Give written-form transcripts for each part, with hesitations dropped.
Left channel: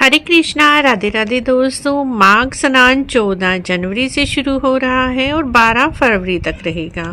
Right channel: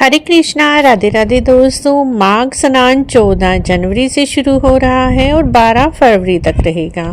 हरे कृष्णा। राधे राधे दोस्तों। माघ स्नान 14 जनवरी से शुरू हो रहा है और 12 फरवरी तक रहेगा।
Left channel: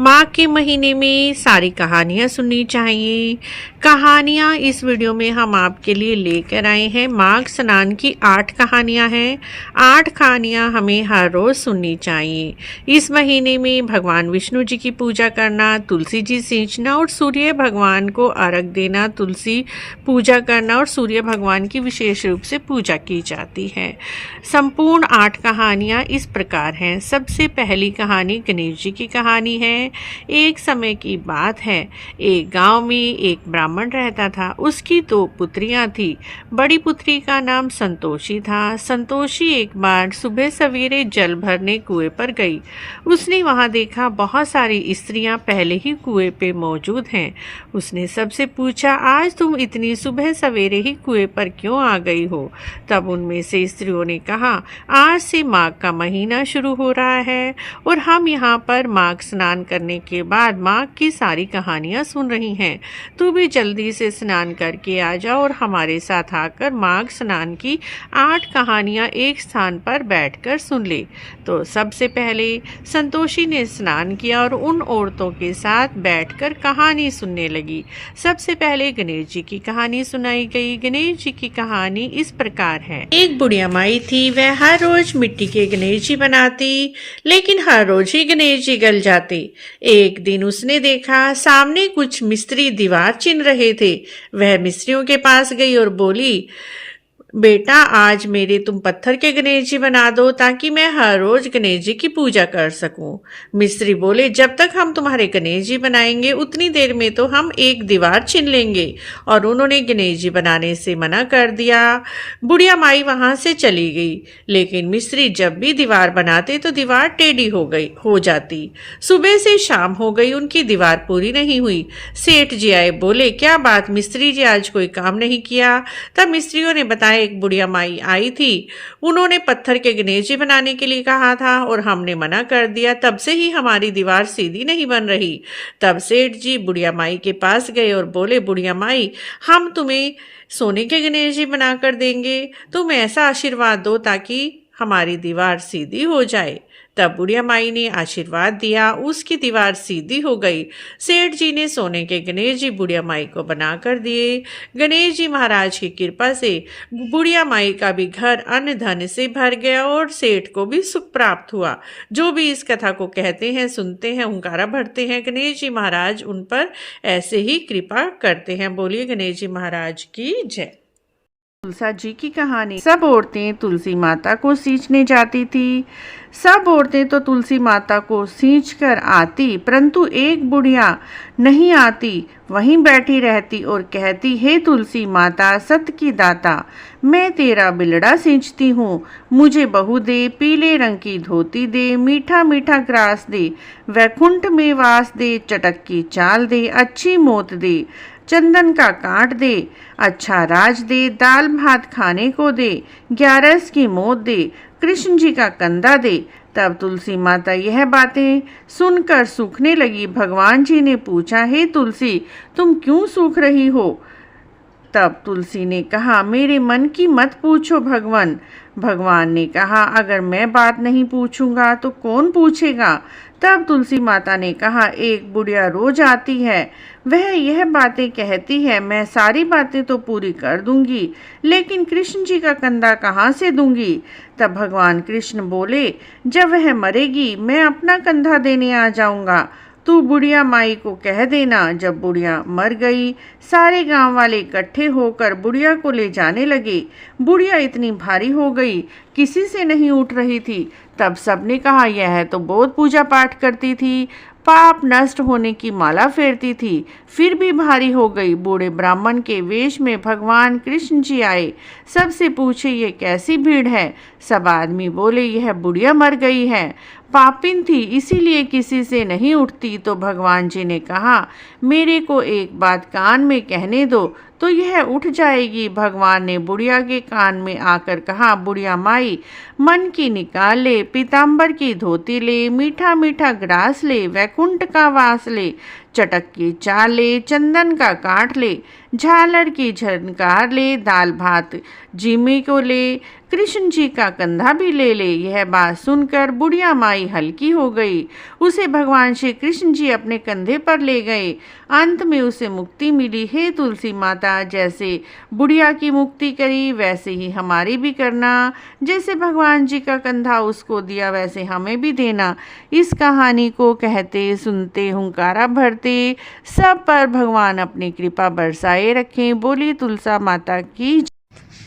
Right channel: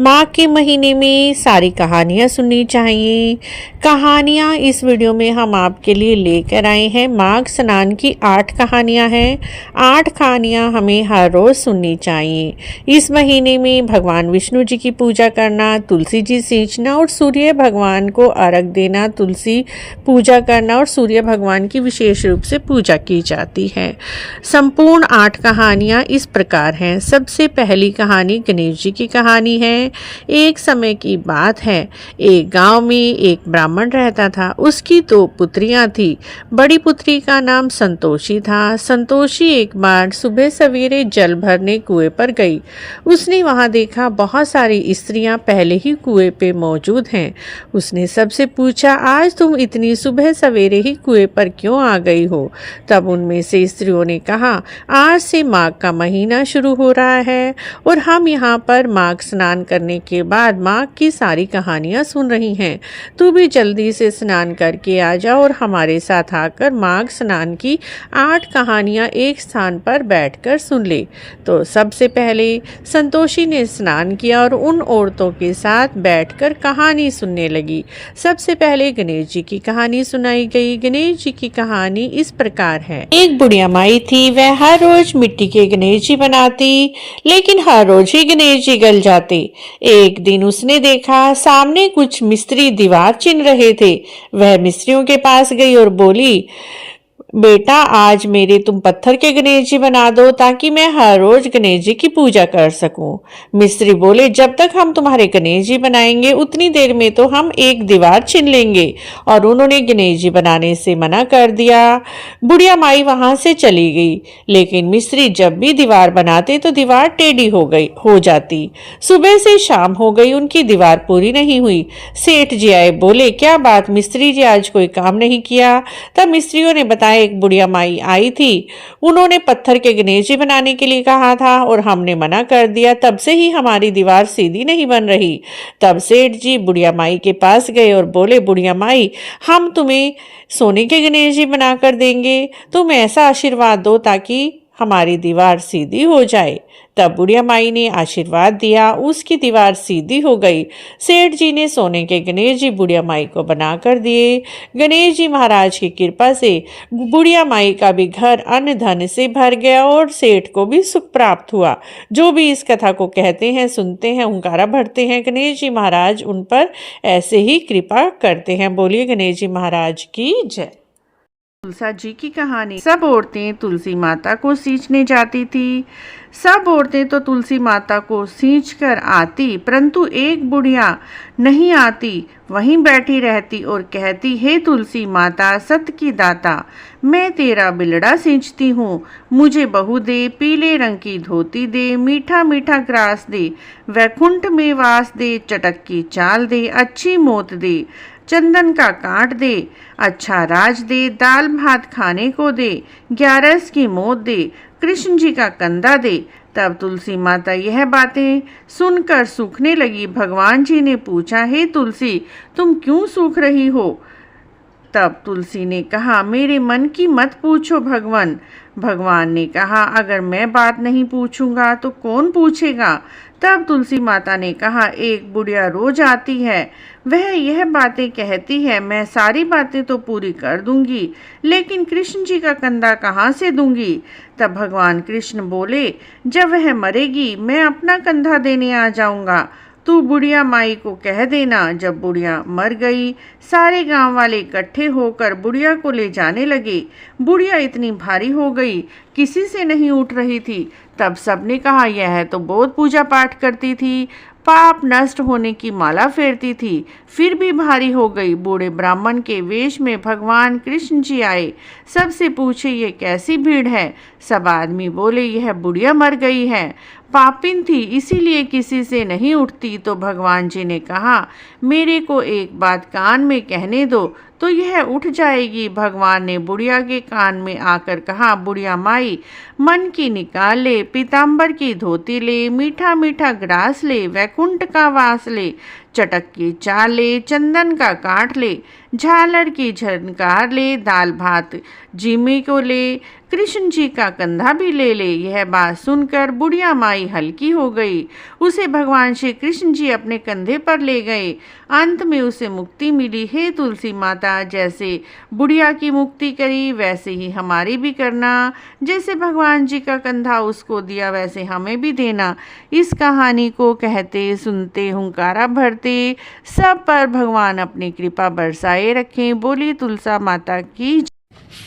माघ के महीने में सारी कहानियाँ सुननी चाहिए। कहानियाँ इस वीडियो में हम आपके लिए लेकर आए हैं। माघ स्नान की 8 कहानियाँ हैं। 8 कहानियाँ हमें हर रोज़ सुननी चाहिए। इस महीने में भगवान विष्णु जी की पूजा करना, तुलसी जी सींचना और सूर्य भगवान को अर्घ देना, तुलसी पूजा करना और सूर्य भगवान की विशेष रूप से पूजा की जाती है। संपूर्ण 8 कहानियाँ इस प्रकार हैं। सबसे पहली कहानी गणेश जी की कहानी है। एक समय की बात है, एक गांव में एक ब्राह्मण रहता था। उसकी 2 पुत्रियां थी। बड़ी पुत्री का नाम संतोषी था। संतोषी एक बार सुबह सवेरे जल भरने कुएं पर गई। उसने वहां देखा बहुत सारी स्त्रियां पहले ही कुएं पे मौजूद हैं। उसने सबसे पूछा, आज तुम इतनी सुबह सवेरे ही कुएं पर क्यों आ गई हो? तब उनमें से स्त्रियों ने कहा, आज से माघ का महीना शुरू हो रहा है और हम यहाँ पर माघ स्नान करने के बाद माघ की सारी कहानियाँ सुन रही हैं। तू भी जल्दी से स्नान करके आ जा और हमारे साथ आकर माघ स्नान की 8 कहानियाँ एक स्थान पर बैठकर सुन ले। तो सबसे पहले संतोषी ने स्नान किया और उन औरतों के साथ बैठकर कहानी सुनने लगी। सबसे पहले गणेश जी की कहानी सुनाई गई। गणेश जी की कहानी इस प्रकार है। एक बुढ़िया माई थी। वह हर रोज मिट्टी के गणेश जी बनाती, लेकिन हर रोज ही गणेश जी गल जाते। एक दिन उसने देखा सामने कुछ मिस्त्री दीवार चिन रहे थे। वह मिस्त्रियों के पास गई और बोली, बेटा आज मेरे तुम पत्थर के गणेश जी बना दो ताकि मैं हर रोज गणेश जी की पूजा कर सकूं। मिस्त्री बोले, जब तक हम तुम्हारे गणेश जी बनाएंगे उतनी देर में तो हम एक दीवार छीन लेंगे। और उन्होंने गणेश जी बनाने से मना कर दिया। बुढ़िया माई वहां से चली गई, लेकिन मिस्त्री जब भी दीवार बनाते तो दीवार टेढ़ी हो जाती। सुबह से शाम हो गई, उनकी दीवार पूरी नहीं हुई। सेठ जी आए, बोले, क्या बात मिस्त्री जी आज कोई काम नहीं किया? तब मिस्त्रियों ने बताया, एक बुढ़िया माई आई थी, उन्होंने पत्थर के गणेश जी बनाने के लिए कहा था और हमने मना कर दिया। तब से ही हमारी दीवार सीधी नहीं बन रही। तब सेठ जी बुढ़िया माई के पास गए और बोले, बुढ़िया माई, हम तुम्हें सोने के गणेश जी बनाकर देंगे। तुम ऐसा आशीर्वाद दो ताकि हमारी दीवार सीधी हो जाए। तब बुढ़िया माई ने आशीर्वाद दिया, उसकी दीवार सीधी हो गई। सेठ जी ने सोने के गणेश जी बुढ़िया माई को बनाकर दिए। गणेश जी महाराज की कृपा से बुढ़िया माई का भी घर अन्न धन से भर गया और सेठ को भी सुख प्राप्त हुआ। जो भी इस कथा को कहते हैं, सुनते हैं, हुंकारा भरते हैं, गणेश जी महाराज उन पर ऐसे ही कृपा करते हैं। बोलिए गणेश जी महाराज की जय। तुलसा जी की कहानी। सब औरतें तुलसी माता को सींचने जाती थी। सब औरतें तो तुलसी माता को सींच कर आती, परंतु एक बुढ़िया नहीं आती, वहीं बैठी रहती और कहती, हे तुलसी माता सत की दाता, मैं तेरा बिलड़ा सींचती हूँ, मुझे बहू दे, पीले रंग की धोती दे, मीठा मीठा ग्रास दे, वैकुंठ में वास दे, चटक की चाल दे, अच्छी मौत दे, चंदन का काट दे, अच्छा राज दे, दाल भात खाने को दे, 11 की मौत दे, कृष्ण जी का कंधा दे। तब तुलसी माता यह बातें सुनकर सूखने लगी। भगवान जी ने पूछा, हे तुलसी, तुम क्यों सूख रही हो? तब तुलसी ने कहा, मेरे मन की मत पूछो भगवान। भगवान ने कहा, अगर मैं बात नहीं पूछूंगा तो कौन पूछेगा? तब तुलसी माता ने कहा, एक बुढ़िया रोज आती है, वह यह बातें कहती है, मैं सारी बातें तो पूरी कर दूंगी, लेकिन कृष्ण जी का कंधा कहाँ से दूंगी? तब भगवान कृष्ण बोले, जब वह मरेगी मैं अपना कंधा देने आ जाऊंगा, तू बुढ़िया माई को कह देना। जब बुढ़िया मर गई, सारे गांव वाले इकट्ठे होकर बुढ़िया को ले जाने लगे। बुढ़िया इतनी भारी हो गई, किसी से नहीं उठ रही थी। तब सबने कहा, यह तो बहुत पूजा पाठ करती थी, पाप नष्ट होने की माला फेरती थी, फिर भी भारी हो गई। बूढ़े ब्राह्मण के वेश में भगवान कृष्ण जी आए। सबसे पूछे, ये कैसी भीड़ है? सब आदमी बोले, यह बुढ़िया मर गई है, पापिन थी, इसीलिए किसी से नहीं उठती। तो भगवान जी ने कहा, मेरे को एक बात कान में कहने दो तो यह उठ जाएगी। भगवान ने बुढ़िया के कान में आकर कहा, बुढ़िया माई, मन की निकाल ले, पीताम्बर की धोती ले, मीठा मीठा ग्रास ले, वैकुंठ का वास ले, चटक के चाल ले, चंदन का काट ले, झालर की झनकार ले, दाल भात जीमे को ले, कृष्ण जी का कंधा भी ले ले। यह बात सुनकर बुढ़िया माई हल्की हो गई। उसे भगवान श्री कृष्ण जी अपने कंधे पर ले गए। अंत में उसे मुक्ति मिली। हे तुलसी माता, जैसे बुढ़िया की मुक्ति करी वैसे ही हमारी भी करना। जैसे भगवान जी का कंधा उसको दिया वैसे हमें भी देना। इस कहानी को कहते सुनते हुंकारा भरते सब पर भगवान अपनी कृपा बरसाए रखें। बोली तुलसा माता की।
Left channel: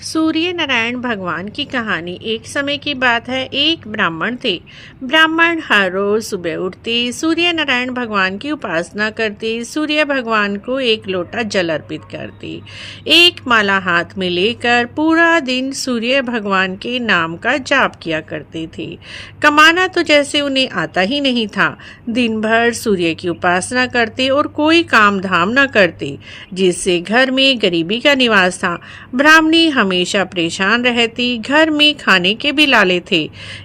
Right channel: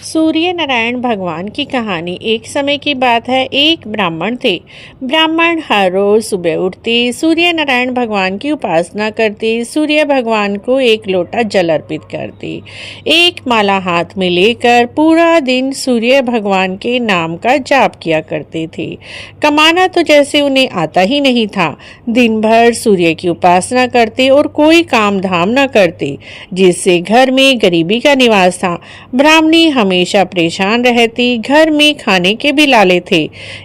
सूर्य नारायण भगवान की कहानी। एक समय की बात है, एक ब्राह्मण थे। ब्राह्मण हर रोज सुबह उठते, सूर्य नारायण भगवान की उपासना करते, सूर्य भगवान को एक लोटा जल अर्पित करते, एक माला हाथ में लेकर पूरा दिन सूर्य भगवान के नाम का जाप किया करते थे। कमाना तो जैसे उन्हें आता ही नहीं था। दिन भर सूर्य की उपासना करते और कोई काम धाम न करते, जिससे घर में गरीबी का निवास था। ब्राह्मणी हमेशा परेशान रहती, घर में खाने के भी लाले थे।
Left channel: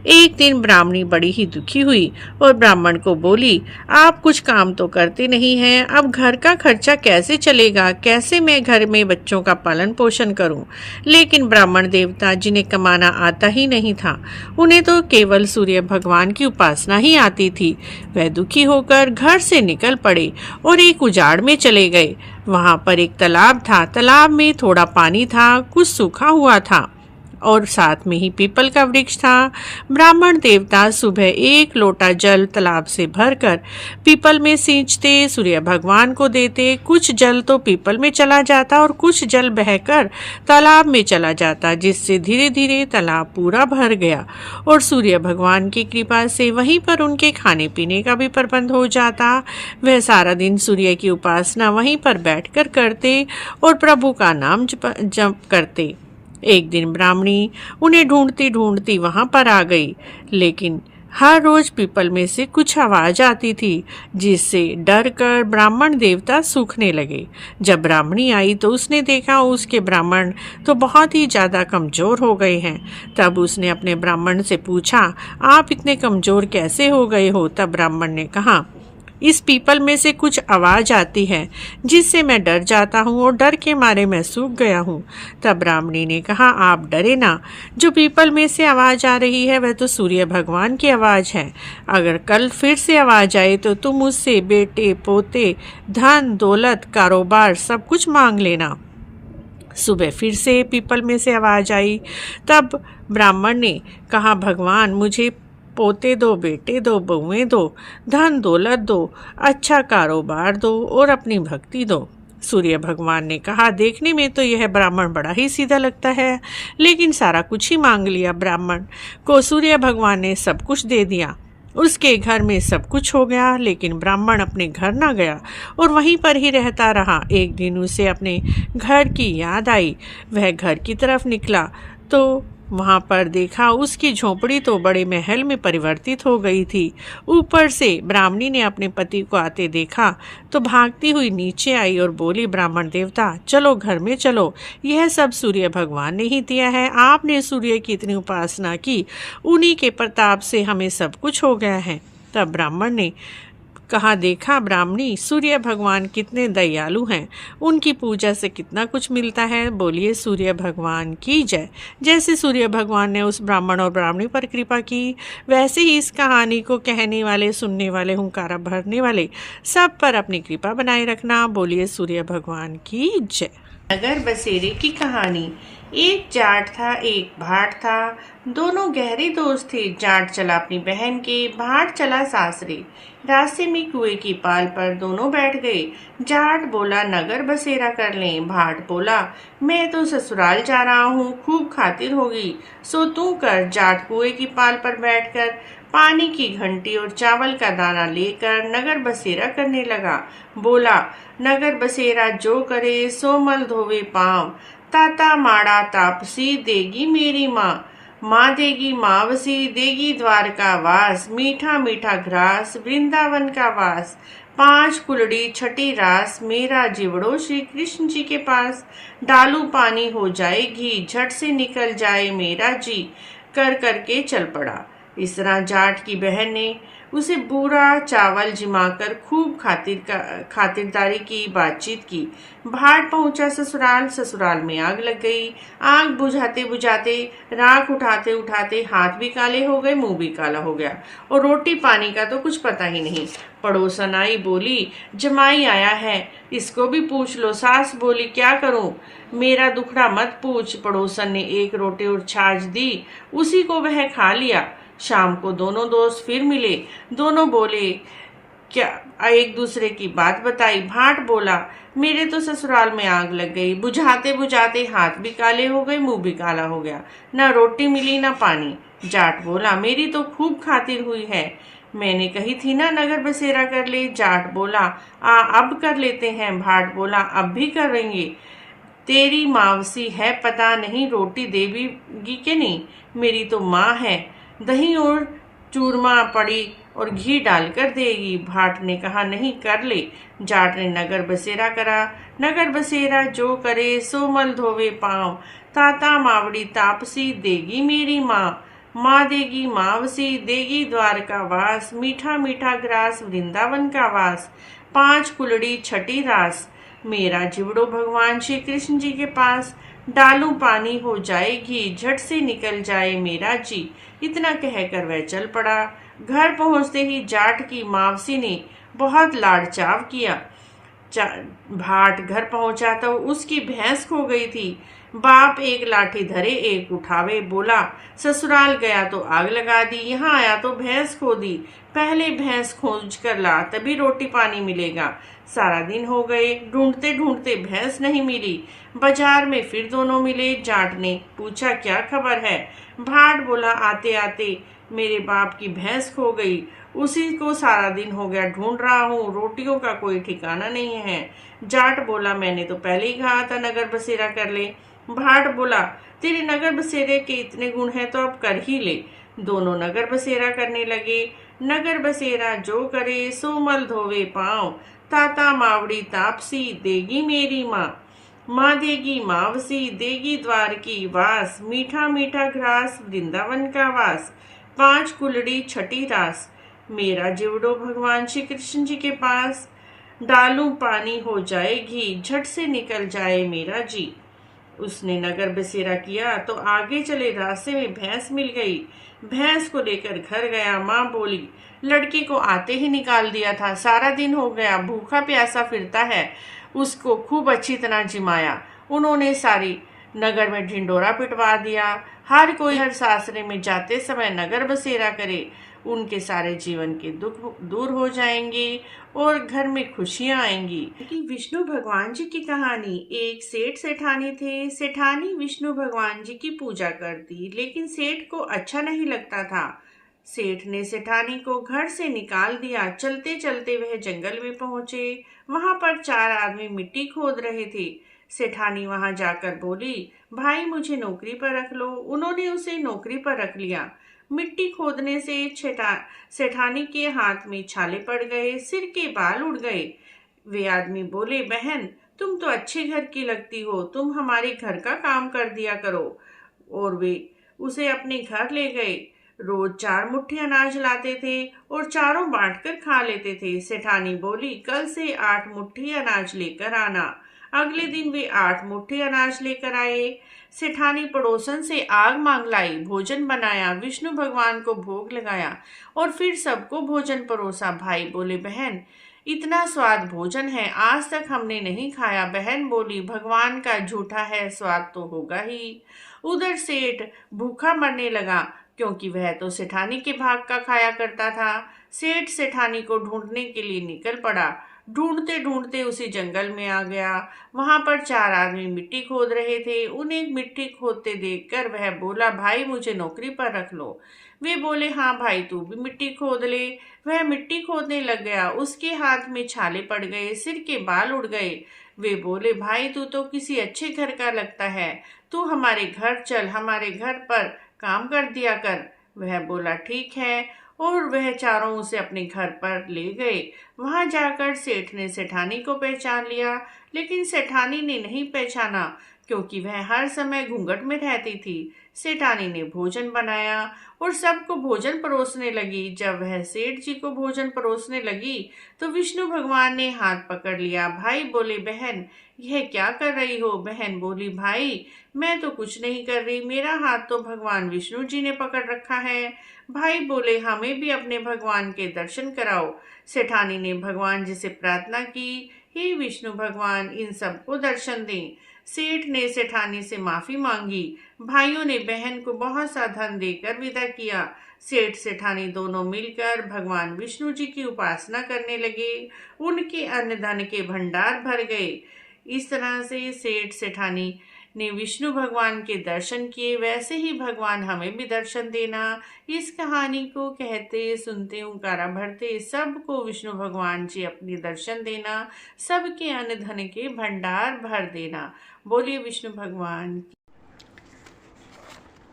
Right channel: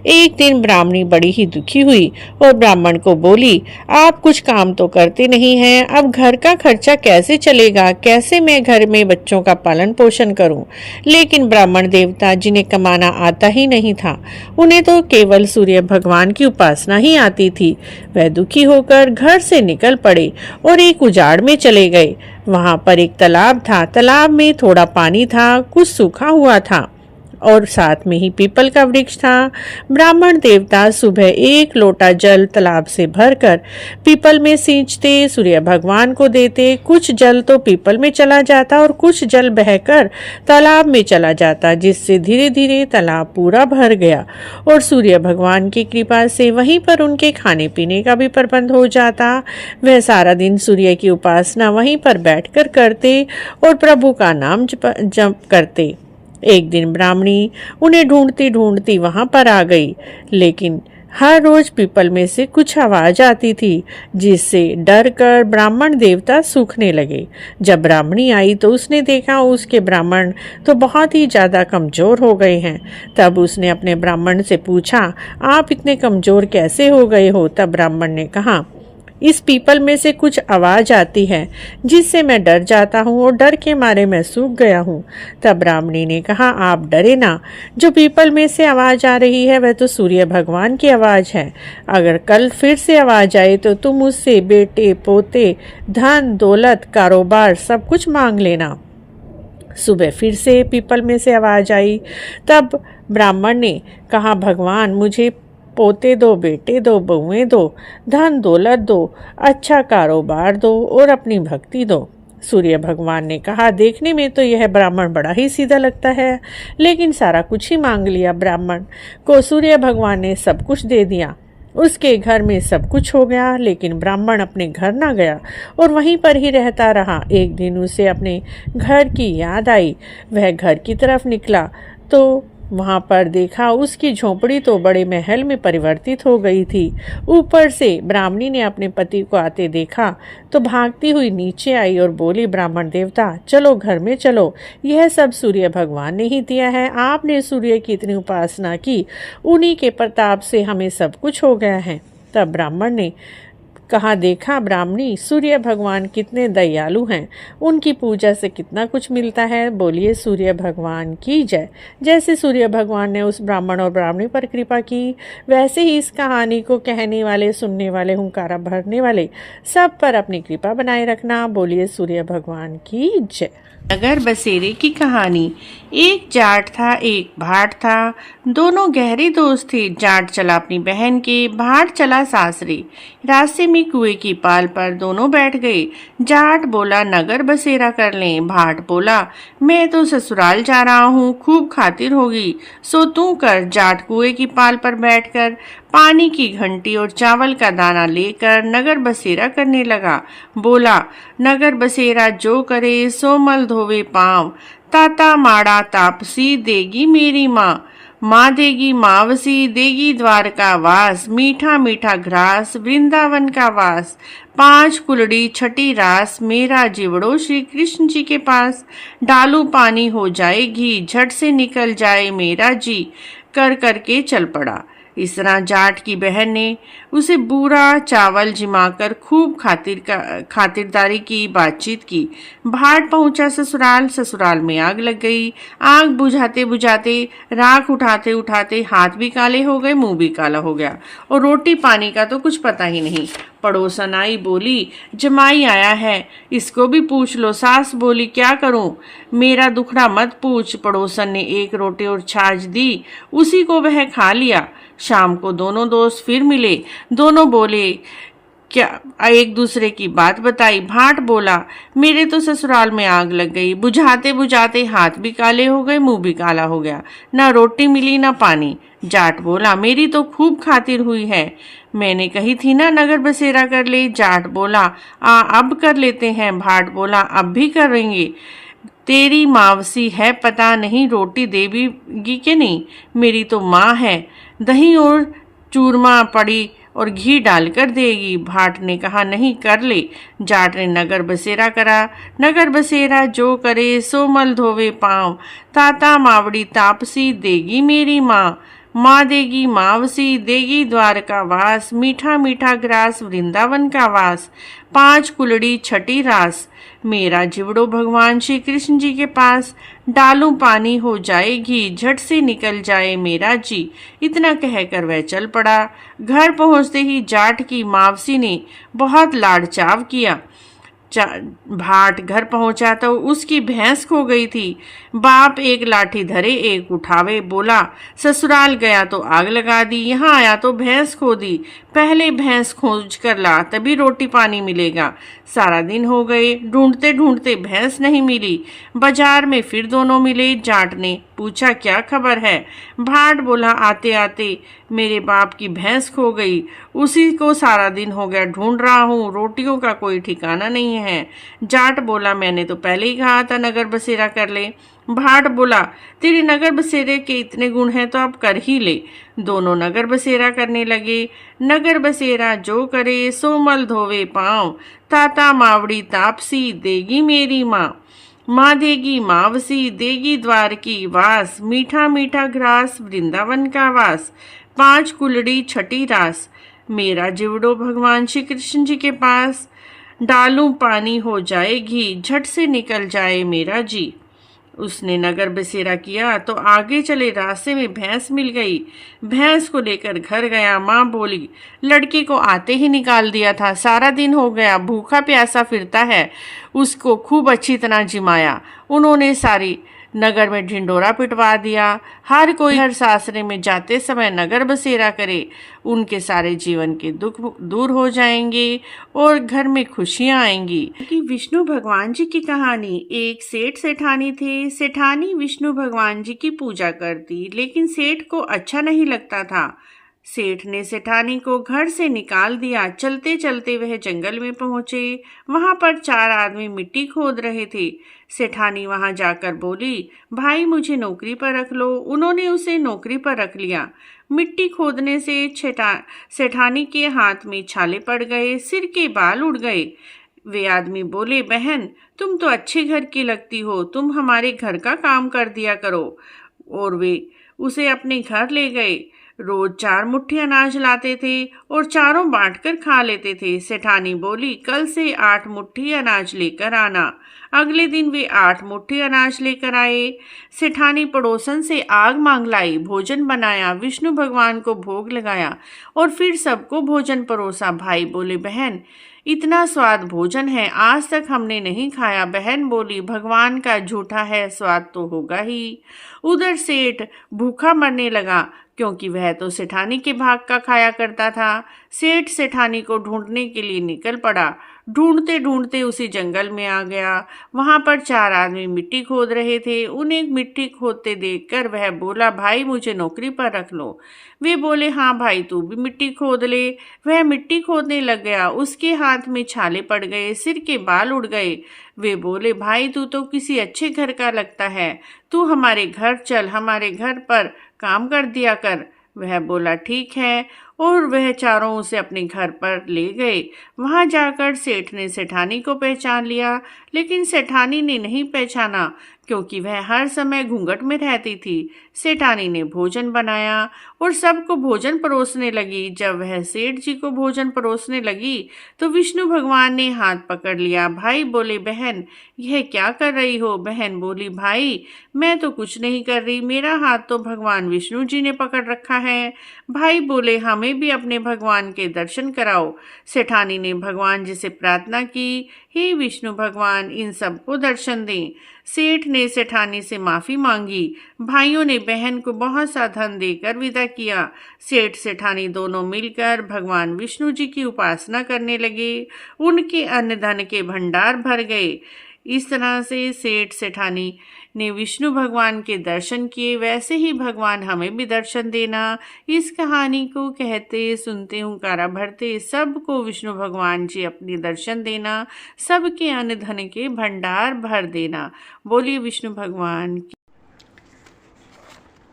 एक दिन ब्राह्मणी बड़ी ही दुखी हुई और ब्राह्मण को बोली, आप कुछ काम तो करते नहीं हैं, अब घर का खर्चा कैसे चलेगा, कैसे मैं घर में बच्चों का पालन पोषण करूं। लेकिन ब्राह्मण देवता, जिन्हें कमाना आता ही नहीं था, उन्हें तो केवल सूर्य भगवान की उपासना ही आती थी। वह दुखी होकर घर से निकल पड़े और एक उजाड़ में चले गए। वहां पर एक तालाब था। तालाब में थोड़ा पानी था, कुछ सूखा हुआ था और साथ में ही पीपल का वृक्ष था। ब्राह्मण देवता सुबह एक लोटा जल तालाब से भरकर पीपल में सींचते, सूर्य भगवान को देते। कुछ जल तो पीपल में चला जाता और कुछ जल बहकर तालाब में चला जाता, जिससे धीरे धीरे तालाब पूरा भर गया और सूर्य भगवान की कृपा से वहीं पर उनके खाने पीने का भी प्रबंध हो जाता। वह सारा दिन सूर्य की उपासना वहीं पर बैठकर करते और प्रभु का नाम जप करते। एक दिन ब्राह्मणी उन्हें ढूंढती ढूंढती वहां पर आ गई, लेकिन हर रोज पीपल में से कुछ आवाज आती थी, जिससे डर कर ब्राह्मण देवता सूखने लगे। जब ब्राह्मणी आई तो उसने देखा उसके ब्राह्मण तो बहुत ही ज्यादा कमजोर हो गए हैं। तब उसने अपने ब्राह्मण से पूछा, आप इतने कमजोर कैसे हो गए हो? तब ब्राह्मण ने कहा, इस पीपल में से कुछ आवाज आती है, जिससे मैं डर जाता हूँ और डर के मारे मैं सूख गया हूँ। तब ब्राह्मणी ने कहा, आप डरे ना, जो पीपल में से आवाज आ रही है वह तो सूर्य भगवान की आवाज है। अगर कल फिर से आवाज आए तो तुम उससे बेटे पोते, धन दौलत, कारोबार सब कुछ मांग लेना। सुबह फिर से पीपल में से आवाज आई। तब ब्राह्मण ने कहा, भगवान मुझे पोते दो, बेटे दो, बहुएं दो, धन दौलत दो, अच्छा कारोबार दो और अपनी भक्ति दो। सूर्य भगवान ने कहा, देखने में तो यह ब्राह्मण बड़ा ही सीधा लगता है, लेकिन सारा कुछ ही मांग लिया। ब्राह्मण को सूर्य भगवान ने सब कुछ दे दिया। उसके घर में सब कुछ हो गया, लेकिन ब्राह्मण अपने घर ना गया और वहीं पर ही रहता रहा। एक दिन उसे अपने घर की याद आई। वह घर की तरफ निकला तो वहां पर देखा उसकी झोपड़ी तो बड़े महल में परिवर्तित हो गई थी। ऊपर से ब्राह्मणी ने अपने पति को आते देखा तो भागती हुई नीचे आई और बोली, ब्राह्मण देवता चलो घर में चलो, यह सब सूर्य भगवान ने ही दिया है। आपने सूर्य की इतनी उपासना की, उन्हीं के प्रताप से हमें सब कुछ हो गया है। तब ब्राह्मण ने कहा, देखा ब्राह्मणी, सूर्य भगवान कितने दयालु हैं, उनकी पूजा से कितना कुछ मिलता है। बोलिए सूर्य भगवान की जय। जैसे सूर्य भगवान ने उस ब्राह्मण और ब्राह्मणी पर कृपा की, वैसे ही इस कहानी को कहने वाले, सुनने वाले, हुंकारा भरने वाले सब पर अपनी कृपा बनाए रखना। बोलिए सूर्य भगवान की जय। नगर बसेरे की कहानी। एक जाट था, एक भाट था, दोनों गहरे दोस्त थे। जाट चला अपनी बहन के, भाट चला सासरे। रास्ते में कुएं की पाल पर दोनों बैठ गए। जाट बोला, नगर बसेरा कर लें। भाट बोला, मैं तो ससुराल जा रहा हूँ, खूब खातिर होगी, सो तू कर। जाट कुएं की पाल पर बैठकर पानी की घंटी और चावल का दाना लेकर नगर बसेरा करने लगा। बोला, नगर बसेरा जो करे सो मल धोवे पाँव, ताता माड़ा तापसी देगी मेरी माँ। माँ देगी मावसी, देगी द्वारका वास, मीठा मीठा घास वृंदावन का वास। 5 कुलड़ी छठी रास, मेरा जिवड़ो श्री कृष्ण जी के पास। डालू पानी हो जाए घी, झट से निकल जाए मेरा जी, कर करके चल पड़ा। इस तरह जाट की बहन ने उसे बूरा चावल जिमाकर खूब खातिरदारी की, बातचीत की। भाट पहुंचा ससुराल। ससुराल में आग लग गई। आग बुझाते बुझाते, राख उठाते उठाते हाथ भी काले हो गए, मुंह भी काला हो गया और रोटी पानी का तो कुछ पता ही नहीं। पड़ोसन आई, बोली जमाई आया है, इसको भी पूछ लो। सास बोली क्या करूं, मेरा दुखड़ा मत पूछ। पड़ोसन ने एक रोटी और छाछ दी, उसी को वह खा लिया। शाम को दोनों दोस्त फिर मिले। दोनों बोले क्या, एक दूसरे की बात बताई। भाट बोला मेरे तो ससुराल में आग लग गई, बुझाते बुझाते हाथ भी काले हो गए, मुंह भी काला हो गया, ना रोटी मिली ना पानी। जाट बोला मेरी तो खूब खातिर हुई है, मैंने कही थी ना नगर बसेरा कर ले। जाट बोला अब कर लेते हैं। भाट बोला अब भी करेंगे, तेरी मावसी है, पता नहीं रोटी देगी कि नहीं, मेरी तो माँ है, दही और चूरमा पड़ी और घी डालकर देगी। भाट ने कहा नहीं कर ले। जाट ने नगर बसेरा करा। नगर बसेरा जो करे सो मल धोवे पाँव, ताता मावड़ी तापसी देगी मेरी माँ, माँ देगी मावसी देगी द्वारका वास, मीठा मीठा ग्रास वृंदावन का वास, 5 कुलड़ी छठी रास, मेरा जिवड़ो भगवान श्री कृष्ण जी के पास, डालूं पानी हो जाए घी, झट से निकल जाए मेरा जी। इतना कहकर वह चल पड़ा। घर पहुंचते ही जाट की मावसी ने बहुत लाड़ चाव किया। भाट घर पहुंचा तो उसकी भैंस खो गई थी। बाप एक लाठी धरे एक उठावे, बोला ससुराल गया तो आग लगा दी, यहाँ आया तो भैंस खो दी, पहले भैंस खोज कर ला तभी रोटी पानी मिलेगा। सारा दिन हो गए, ढूंढते ढूंढते भैंस नहीं मिली। बाजार में फिर दोनों मिले। जाट ने पूछा क्या खबर है। भाट बोला आते आते मेरे बाप की भैंस खो गई, उसी को सारा दिन हो गया ढूंढ रहा हूँ, रोटियों का कोई ठिकाना नहीं है। जाट बोला मैंने तो पहले ही कहा था नगर बसेरा कर ले। भाट बोला तेरे नगर बसेरे के इतने गुण हैं तो अब कर ही ले। दोनों नगर बसेरा करने लगे। नगर बसेरा जो करे सो मल धोवे पाँव, ताता मावड़ी तापसी देगी मेरी माँ, माँ देगी मावसी देगी द्वार की वास, मीठा मीठा ग्रास वृंदावन का वास, 5 कुलड़ी छठी रास, मेरा जिवड़ो भगवान श्री कृष्ण जी के पास, डालूं पानी हो जाए घी, झट से निकल जाए मेरा जी। उसने नगर बसेरा किया तो आगे चले रास्ते में भैंस मिल गई। भैंस को लेकर घर गया। माँ बोली लड़के को आते ही निकाल दिया था, सारा दिन हो गया भूखा प्यासा फिरता है। उसको खूब अच्छी तरह जिमाया। उन्होंने सारी नगर में ढिंडोरा पिटवा दिया। हर कोई हर सासरे में जाते समय नगर बसेरा करे, उनके सारे जीवन के दुख दूर हो जाएंगे और घर में खुशियां आएंगी। कि विष्णु भगवान जी की कहानी। एक सेठ सेठानी थे। सेठानी विष्णु भगवान जी की पूजा करती, लेकिन सेठ को अच्छा नहीं लगता था। सेठ ने सेठानी को घर से निकाल दिया। चलते चलते वह जंगल में पहुंचे। वहां पर 4 आदमी मिट्टी खोद रहे थे। सेठानी वहां जाकर बोली भाई मुझे नौकरी पर रख लो। उन्होंने उसे नौकरी पर रख लिया। मिट्टी खोदने से सेठानी के हाथ में छाले पड़ गए, सिर के बाल उड़ गए। वे आदमी बोले बहन तुम तो अच्छे घर की लगती हो, तुम हमारे घर का काम कर दिया करो। और वे उसे अपने घर ले गए। रोज 4 मुट्ठी अनाज लाते थे और चारों बांटकर खा लेते थे। सेठानी बोली कल से 8 मुट्ठी अनाज लेकर आना। अगले दिन वे 8 मुट्ठी अनाज लेकर आए। सेठानी पड़ोसन से आग मांग लाई, भोजन बनाया, विष्णु भगवान को भोग लगाया और फिर सबको भोजन परोसा। भाई बोले बहन इतना स्वाद भोजन है, आज तक हमने नहीं खाया। बहन बोली भगवान का झूठा है, स्वाद तो होगा ही। उधर सेठ भूखा मरने लगा, क्योंकि वह तो सेठानी के भाग का खाया करता था। सेठ सेठानी को ढूंढने के लिए निकल पड़ा। ढूंढते ढूंढते उसी जंगल में आ गया। वहां पर 4 आदमी मिट्टी खोद रहे थे। उन्हें मिट्टी खोदते देखकर वह बोला भाई मुझे नौकरी पर रख लो। वे बोले हाँ भाई तू भी मिट्टी खोद ले। वह मिट्टी खोदने लग गया। उसके हाथ में छाले पड़ गए, सिर के बाल उड़ गए। वे बोले भाई तू तो किसी अच्छे घर का लगता है, तू हमारे घर चल, हमारे घर पर काम कर दिया कर। वह बोला ठीक है और वह चारों उसे अपने घर पर ले गए। वहां जाकर सेठ ने सेठानी को पहचान लिया, लेकिन सेठानी ने नहीं पहचाना, क्योंकि वह हर समय घूंघट में रहती थी। सेठानी ने भोजन बनाया और सबको भोजन परोसने लगी। जब वह सेठ जी को भोजन परोसने लगी तो विष्णु भगवान ने हाथ पकड़ लिया। भाई बोले, बहन यह क्या कर रही हो? बहन बोली, भाई मैं तो कुछ नहीं कर रही, मेरा हाथ तो भगवान विष्णु जी ने पकड़ रखा है। भाई बोले, हमें भी अपने भगवान के दर्शन कराओ। सेठानी ने भगवान जी से प्रार्थना की, हे विष्णु भगवान, इन सबको दर्शन दें। सेठ ने सेठानी से माफी मांगी। भाइयों ने बहन को बहुत सा धन देकर विदा किया। सेठ सेठानी दोनों मिलकर भगवान विष्णु जी की उपासना करने लगे। उनके अन्न धन के भंडार भर गए। इस तरह से सेठ सेठानी ने विष्णु भगवान के दर्शन किए। वैसे ही भगवान हमें भी दर्शन देना। इस कहानी को कहते सुनते हुंकारा भरते सबको विष्णु भगवान जी अपने दर्शन देना, सबके अन्न धन के भंडार भर देना। बोलिए विष्णु भगवान की।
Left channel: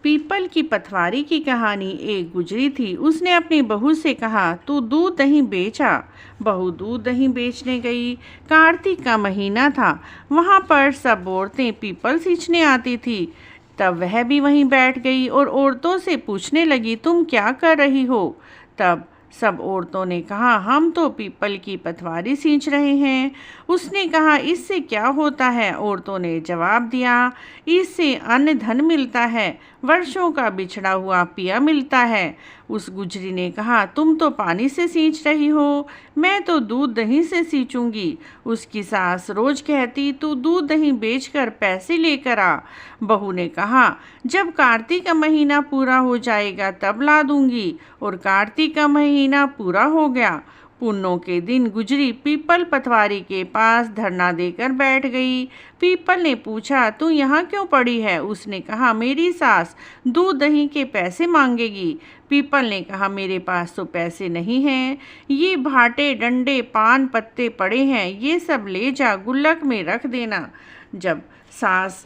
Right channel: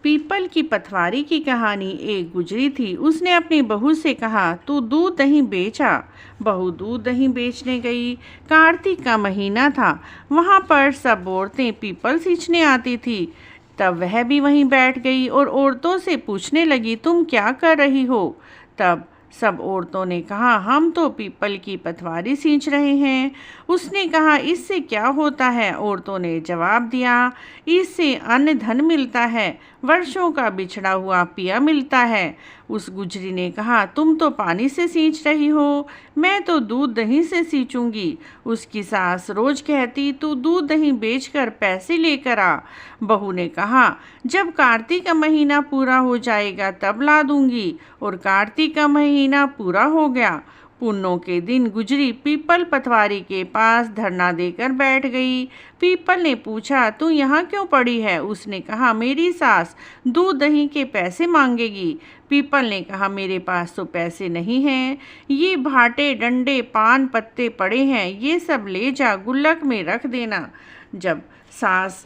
पीपल की पथवारी की कहानी। एक गुजरी थी, उसने अपनी बहू से कहा, तू दूध दही बेचा। बहू दूध दही बेचने गई। कार्तिक का महीना था। वहाँ पर सब औरतें पीपल सींचने आती थी। तब वह भी वहीं बैठ गई और औरतों से पूछने लगी, तुम क्या कर रही हो? तब सब औरतों ने कहा, हम तो पीपल की पथवारी सींच रहे हैं। उसने कहा, इससे क्या होता है? औरतों ने जवाब दिया, इससे अन्न धन मिलता है, वर्षों का बिछड़ा हुआ पिया मिलता है। उस गुजरी ने कहा, तुम तो पानी से सींच रही हो, मैं तो दूध दही से सींचूंगी। उसकी सास रोज कहती, तू दूध दही बेचकर पैसे लेकर आ। बहू ने कहा, जब कार्तिक का महीना पूरा हो जाएगा तब ला दूंगी। और कार्तिक का महीना पूरा हो गया। पुन्नों के दिन गुजरी पीपल पथवारी के पास धरना देकर बैठ गई। पीपल ने पूछा, तू यहाँ क्यों पड़ी है? उसने कहा, मेरी सास दूध दही के पैसे मांगेगी। पीपल ने कहा, मेरे पास तो पैसे नहीं हैं, ये भाटे डंडे पान पत्ते पड़े हैं, ये सब ले जा, गुल्लक में रख देना। जब सास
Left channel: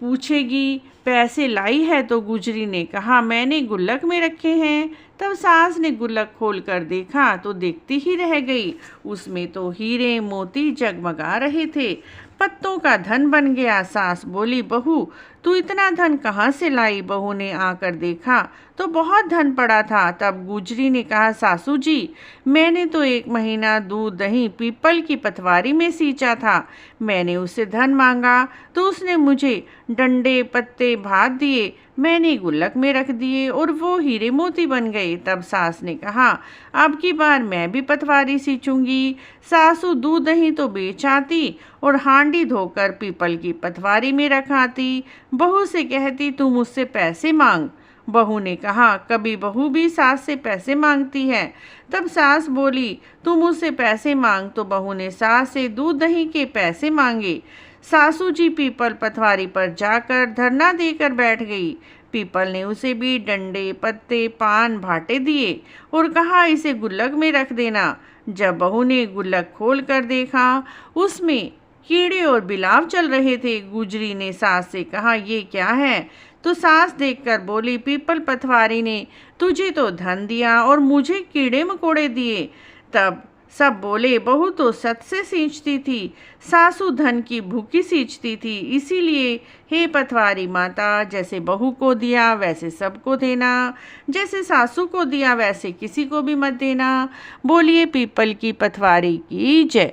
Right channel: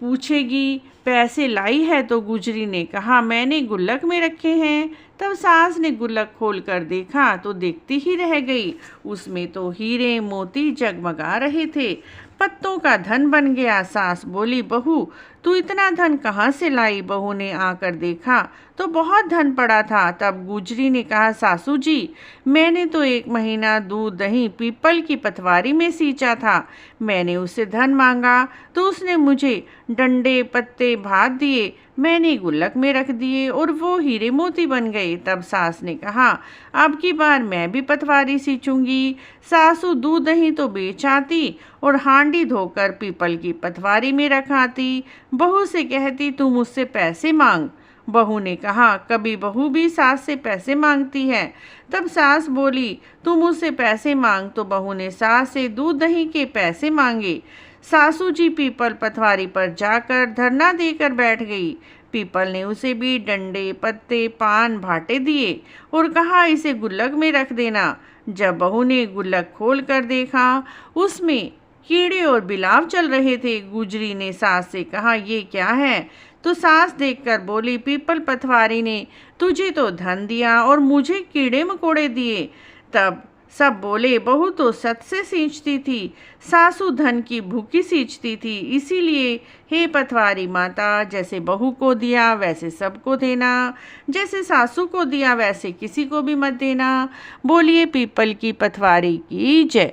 पूछेगी पैसे लाई है तो गुजरी ने कहा, मैंने गुल्लक में रखे हैं। तब सास ने गुल्लक खोल कर देखा तो देखती ही रह गई। उसमें तो हीरे मोती जगमगा रहे थे। पत्तों का धन बन गया। सास बोली, बहू तू इतना धन कहाँ से लाई? बहू ने आकर देखा तो बहुत धन पड़ा था। तब गुजरी ने कहा, सासू जी मैंने तो 1 महीना दूध दही पीपल की पथवारी में सींचा था। मैंने उससे धन मांगा तो उसने मुझे डंडे पत्ते भात दिए, मैंने गुल्लक में रख दिए और वो हीरे मोती बन गए। तब सास ने कहा, अब की बार मैं भी पथवारी सींचूंगी। सासू दूध दही तो बेच आती और हांडी धोकर पीपल की पथवारी में रखाती। बहू से कहती, तू मुझसे पैसे मांग। बहू ने कहा, कभी बहू भी सास से पैसे मांगती है? तब सास बोली, तू मुझसे पैसे मांग। तो बहू ने सास से दूध दही के पैसे मांगे। सासू जी पीपल पथवारी पर जाकर धरना देकर बैठ गई। पीपल ने उसे भी डंडे पत्ते पान भाटे दिए और कहा, इसे गुल्लक में रख देना। जब बहू ने गुल्लक खोल कर देखा उसमें कीड़े और बिलाव चल रहे थे। गुजरी ने सास से कहा, ये क्या है? तो सास देखकर बोली, पीपल पथवारी ने तुझे तो धन दिया और मुझे कीड़े मकोड़े दिए। तब सब बोले, बहू तो सत से सींचती थी, सासू धन की भूखी सींचती थी। इसीलिए हे पथवारी माता, जैसे बहू को दिया वैसे सबको देना, जैसे सासू को दिया वैसे किसी को भी मत देना। बोलिए पीपल की पथवारी की जय।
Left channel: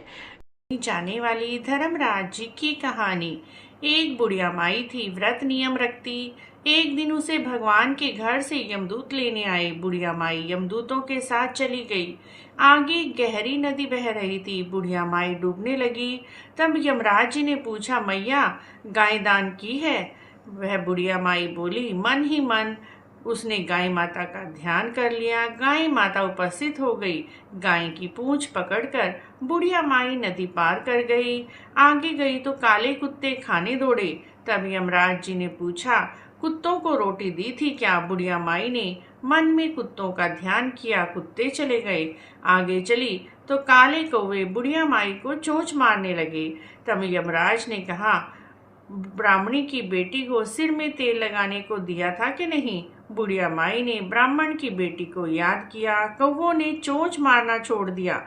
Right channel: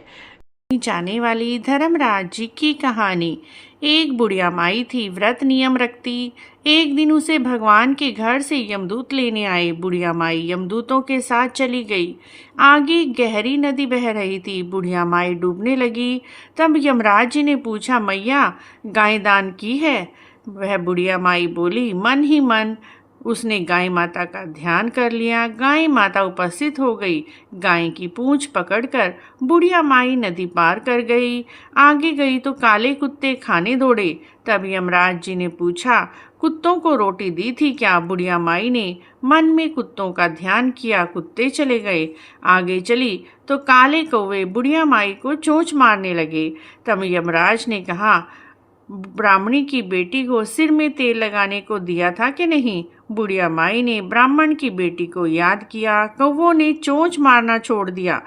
जाने वाली धर्मराज जी की कहानी। एक बुढ़िया माई थी, व्रत नियम रखती। एक दिन उसे भगवान के घर से यमदूत लेने आए। बुढ़िया माई यमदूतों के साथ चली गई। आगे गहरी नदी बह रही थी। बुढ़िया माई डूबने लगी। तब यमराज जी ने पूछा, मैया गाय दान की है? वह बुढ़िया माई बोली, मन ही मन। उसने गाय माता का ध्यान कर लिया। गाय माता उपस्थित हो गई। गाय की पूंछ पकड़कर बुढ़िया माई नदी पार कर गई। आगे गई तो काले कुत्ते खाने दौड़े। तब यमराज जी ने पूछा, कुत्तों को रोटी दी थी क्या? बुढ़िया माई ने मन में कुत्तों का ध्यान किया। कुत्ते चले गए। आगे चली तो काले कौवे बुढ़िया माई को चोंच मारने लगे। तब यमराज ने कहा, ब्राह्मणी की बेटी को सिर में तेल लगाने को दिया था कि नहीं? बुढ़िया माई ने ब्राह्मण की बेटी को याद किया। कौवों ने चोंच मारना छोड़ दिया।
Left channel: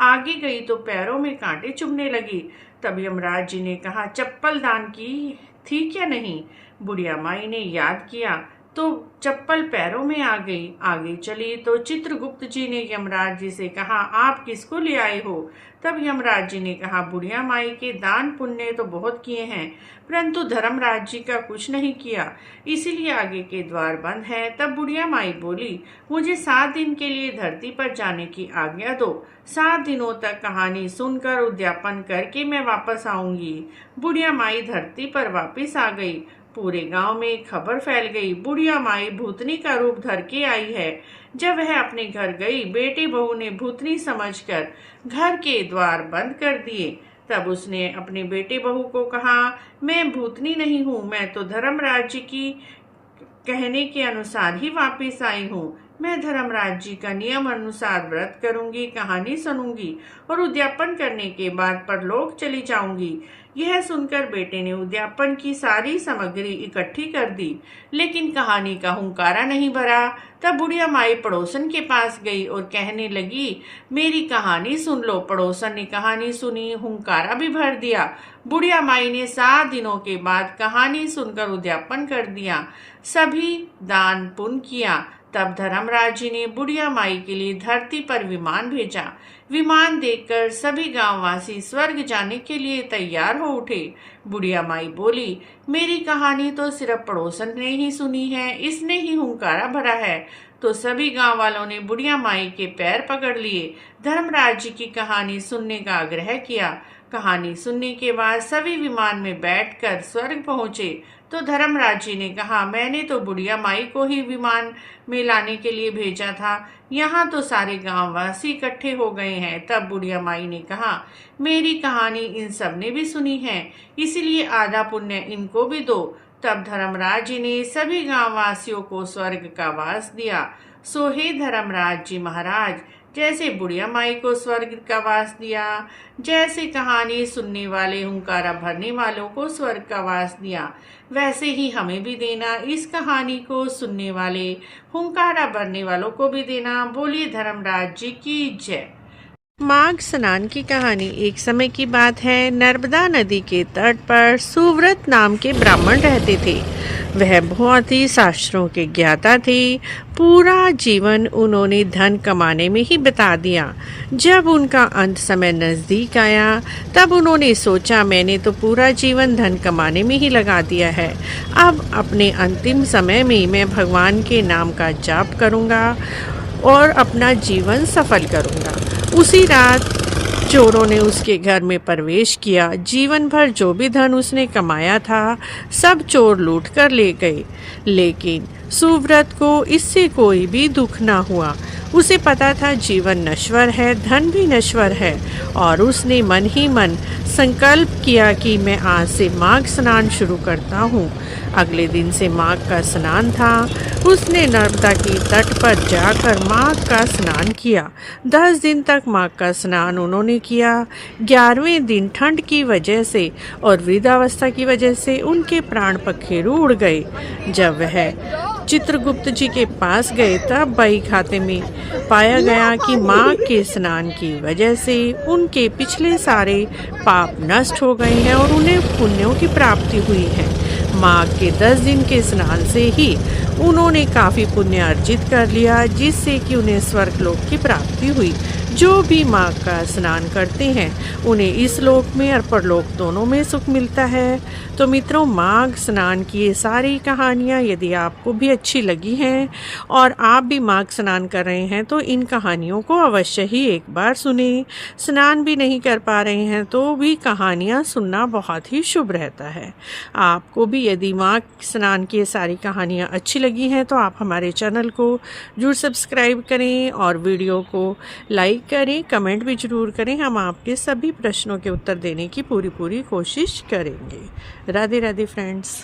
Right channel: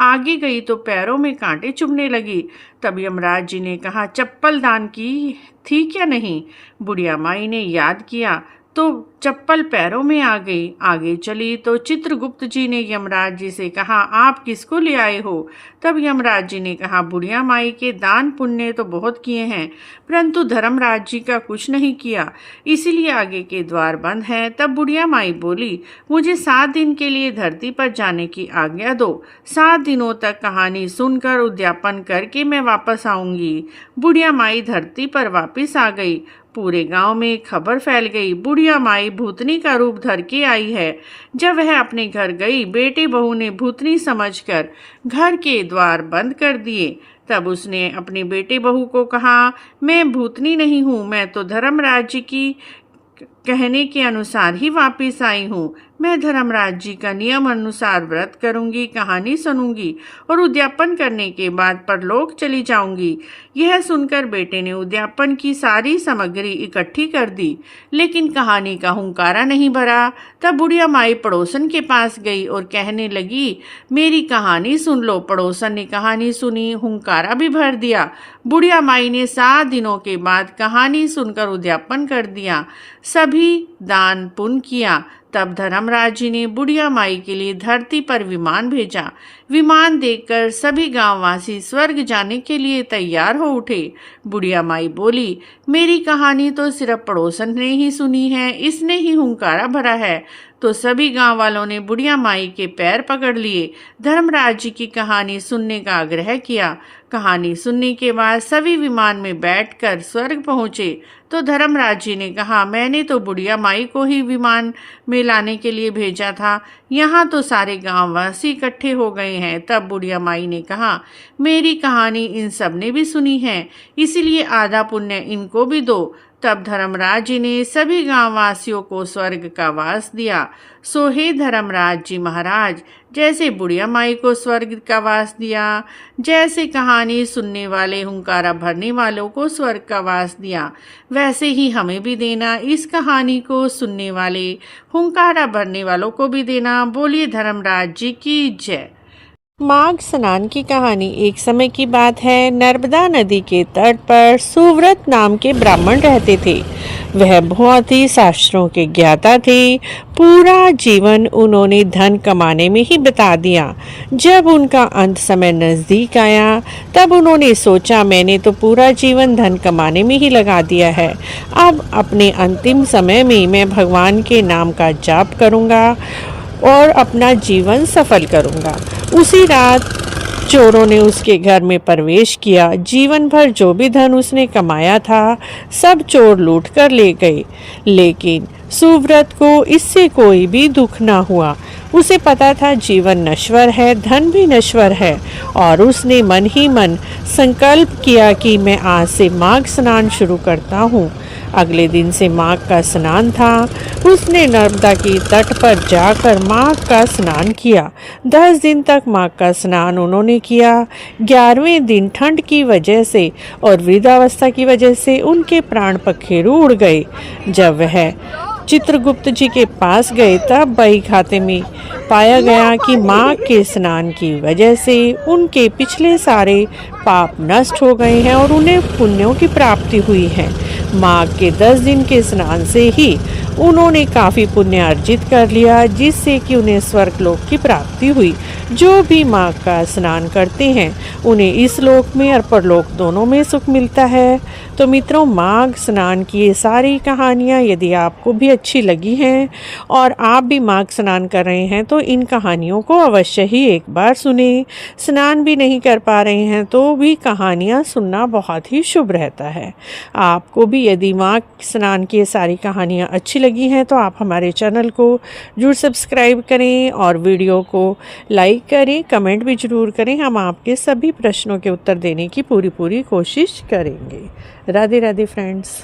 आगे गई तो पैरों में कांटे चुभने लगी। तब यमराज जी ने कहा, चप्पल दान की थी क्या नहीं? बुढ़िया माई ने याद किया तो चप्पल पैरों में आ गई। आगे चली तो चित्रगुप्त जी ने यमराज जी से कहा, आप किसको ले आए हो? तब यमराज जी ने कहा, बुढ़िया माई के दान पुण्य तो बहुत किए हैं, परंतु धर्मराज जी का कुछ नहीं किया, इसीलिए आगे के द्वार बंद हैं। तब बुढ़िया माई बोली, मुझे 7 दिन के लिए धरती पर जाने की आज्ञा दो। 7 दिनों तक कहानी सुनकर उद्यापन करके मैं वापस आऊंगी। बुढ़िया माई धरती पर वापस आ गई। पूरे गांव में खबर फैल गई, बुढ़िया माई भूतनी का रूप धर के आई है। जब वह अपने घर गई, बेटे बहू ने भूतनी समझकर घर के द्वार बंद कर दिए। तब उसने अपने बेटे बहू को कहा, मैं भूतनी नहीं हूँ, मैं तो धर्मराज जी की कहने के अनुसार ही वापस आई हूँ। मैं धर्मराज जी का नियम अनुसार व्रत करूंगी, कहानी सुनूंगी और उद्यापन करने के बाद परलोक चली जाऊंगी। यह सुनकर बेटे ने उद्यापन की सारी सामग्री इकट्ठी कर दी, लेकिन कहानी का हुंकारा नहीं भरा। तब बुढ़िया माई पड़ोसन के पास गई और कहने लगी, मेरी कहानी सुन लो। पड़ोसन ने कहानी सुनी, हुंकारा भी भर दिया। बुढ़िया माई ने 7 दिनों के बाद कहानी सुनकर उद्यापन कर दिया, सभी दान पुण्य किया। तब धर्मराज जी ने बुढ़िया माई के लिए धरती पर विमान भेजा। विमान देखकर सभी गांववासी स्वर्ग जाने के लिए तैयार हो उठे। बुढ़िया माई बोली, मेरी कहानी तो सिर्फ पड़ोसन ने ही सुनी है, इसने ही हुंकारा भरा है। तो सभी गांव वालों ने बुढ़िया माई के पैर पकड़ लिए, धर्मराज जी की कहानी सुनने का आग्रह किया। कहानी सुनने के बाद सभी विमान में बैठकर स्वर्ग पहुंचे। तो धर्मराज जी ने कहा, मैंने तो बुढ़िया माई को ही विमान में लाने के लिए भेजा था, यहाँ तो सारे गांववासी इकट्ठे हो गए हैं। तब बुढ़िया माई ने कहा, मेरी कहानी इन सब ने भी सुनी है, इसीलिए आधा पुण्य इनको भी दो। तब धर्मराज जी ने सभी गांववासियों को स्वर्ग का वास दिया। सो हे धर्मराज जी महाराज, जैसे बुढ़िया माई को स्वर्ग का वास दिया, जैसे कहानी सुनने वाले हुंकारा भरने वालों को स्वर्ग का वास दिया, वैसे ही हमें भी देना। इस कहानी को सुनने वाले हुंकारा भरने वालों को भी देना। बोलिए धर्मराज जी की जय। माघ स्नान की कहानी। एक समय की बात है, नर्मदा नदी के तट पर सुव्रत नाम के ब्राह्मण रहते थे। वह बहुत ही शास्त्रों के ज्ञाता थे। पूरा जीवन उन्होंने धन कमाने में ही बिता दिया। जब उनका अंत समय नजदीक आया, तब उन्होंने सोचा, मैंने तो पूरा जीवन धन कमाने में ही लगा दिया है, अब अपने अंतिम समय में मैं भगवान के नाम का जाप करूंगा और अपना जीवन सफल करूंगा। उसी रात चोरों ने उसके घर में प्रवेश किया। जीवन भर जो भी धन उसने कमाया था, सब चोर लूट कर ले गए। लेकिन सुव्रत को इससे कोई भी दुख ना हुआ। उसे पता था जीवन नश्वर है, धन भी नश्वर है, और उसने मन ही मन संकल्प किया कि मैं आज से माघ स्नान शुरू करता हूँ। अगले दिन से माघ का स्नान था। उसने नर्मदा की तट पर जाकर माघ का स्नान किया। 10 दिन तक माघ का स्नान उन्होंने किया। 11वें दिन ठंड की वजह से और वृद्धावस्था की वजह से उनके प्राण पखेरु उड़ गए। जब वह चित्रगुप्त जी के पास गए, तब बही खाते में पाया गया कि माघ के स्नान की वजह से उनके पिछले सारे पाप नष्ट हो गए हैं और उन्हें पुण्यों की प्राप्ति हुई है। माघ के 10 दिन के स्नान से ही उन्होंने काफी पुण्य अर्जित कर लिया, जिससे कि उन्हें स्वर्गलोक की प्राप्ति हुई। जो भी माघ का स्नान करते हैं, उन्हें इस लोक में और परलोक दोनों में सुख मिलता है। तो मित्रों, माघ स्नान की ये सारी कहानियाँ यदि आपको भी अच्छी लगी हैं और आप भी माघ स्नान कर रहे हैं, तो इन कहानियों को अवश्य ही एक बार सुने। स्नान भी नहीं कर पा रहे हैं तो भी कहानियाँ सुनना बहुत ही शुभ रहता है। आपको भी यदि माघ स्नान की ये सारी कहानियाँ अच्छी लगी हैं, तो आप हमारे चैनल को जरूर सब्सक्राइब करें और वीडियो को लाइक करें, कमेंट भी जरूर करें। हम आपके सभी प्रश्नों के उत्तर देने की पूरी कोशिश करेंगे। राधे राधे फ्रेंड्स।